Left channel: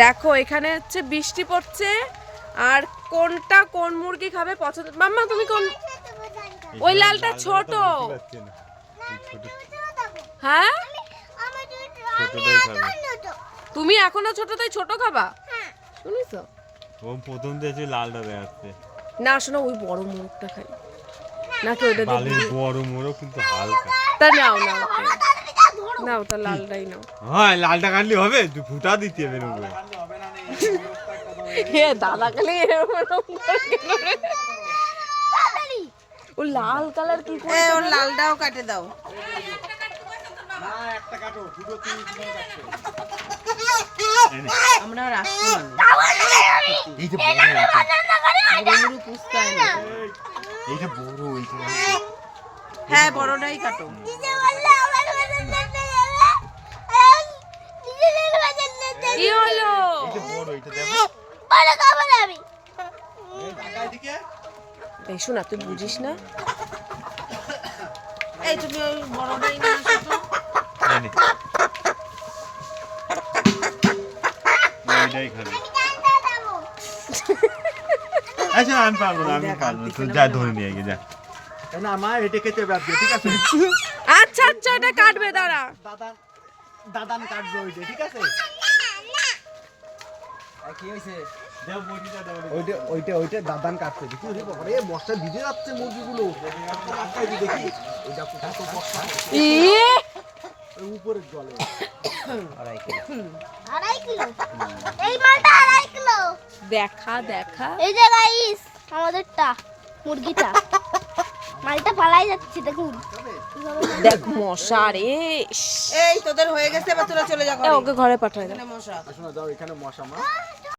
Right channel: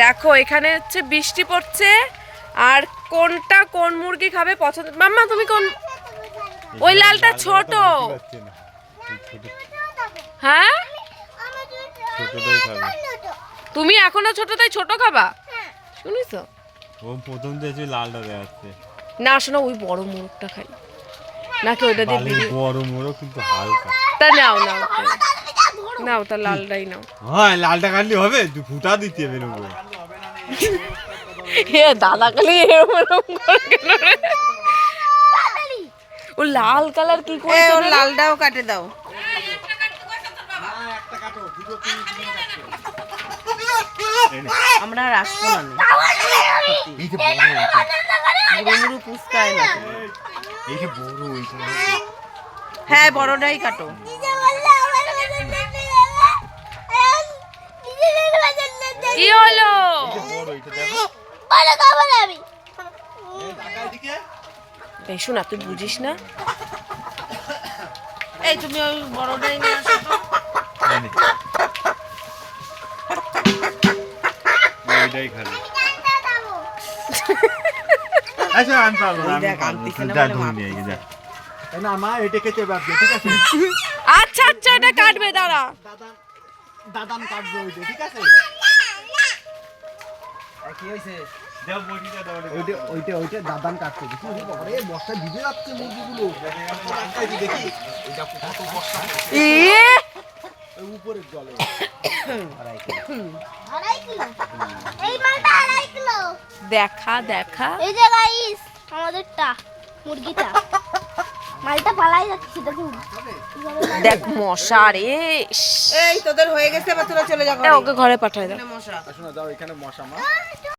দেখো এখানে হচ্ছে বৃষ্টি পড়ছে আর কোনটা কোন মুরগি খাবে পছন্দ। মাম্মা তুমি কোন? ওই লালটা ছোট। হ্যাঁ তুমি এখনো ছোট তাই ছোট খাবা? শুনিস ও প্রথম দেখছি লালটা দেখাচ্ছে। না শোনো ওই বড় মোরগটা খাই নাকি ওইটা দিয়ে? বড় মোরগ কিন্তু হালকা। তা নাও নাও নাও, তা লালটাই নাও। হ্যাঁ লালটা কাটলে হবে, ফুটা দিতে হবে এরকম। দাদা খালি এরকম করে কেন রে? ও লাল কালার কি করে? ওর লালটাও কাটে দাও। আমরা আর আসবো না। এই যে বড় মুড়ো পুস্কায় না। এই যে বড় এইটা। হ্যাঁ বড়টাই কাটো। কি হলো? এই যে বড় এইটা দেখো। এই শোনা, তুই বুঝিস না? এই তুমি ওই বড়টাই নিয়ে আসো তো। এইটাই খাবে। আচ্ছা আমি পারবো না, আমি পারবো না। যা ধরে নিয়ে আয় যা। না মা এটা কেটে বাদ দে, ঠিক আছে? আচ্ছা আচ্ছা এটা কাটবে, দাঁড়া। দাদান কাটবে ওইটা, ঠিক আছে? কি হইছে? দাও বড়িটা দাও। ওইটা দাদান কাটছে। দেখি ওরে বাবা রে, বর্ষা ভিজে যাচ্ছে মুরগিগুলো। একটাই দেখি এটা কত বর্ষা। উপরে জলে 2.5 কিলো। এই মালটা 2.5 কিলো। দেখা দেখা এই যে গাইস আমাদেরটা মুরগিটা মালটা পালাই যাচ্ছে দেখুন। দেখ মশা রে। এই তোদের হয়ে গেছে, এবার তোরা চলে যা। ওকে ঘরে পাঠাই দাও। মশা। শোনো দাও, এখানে মশা না।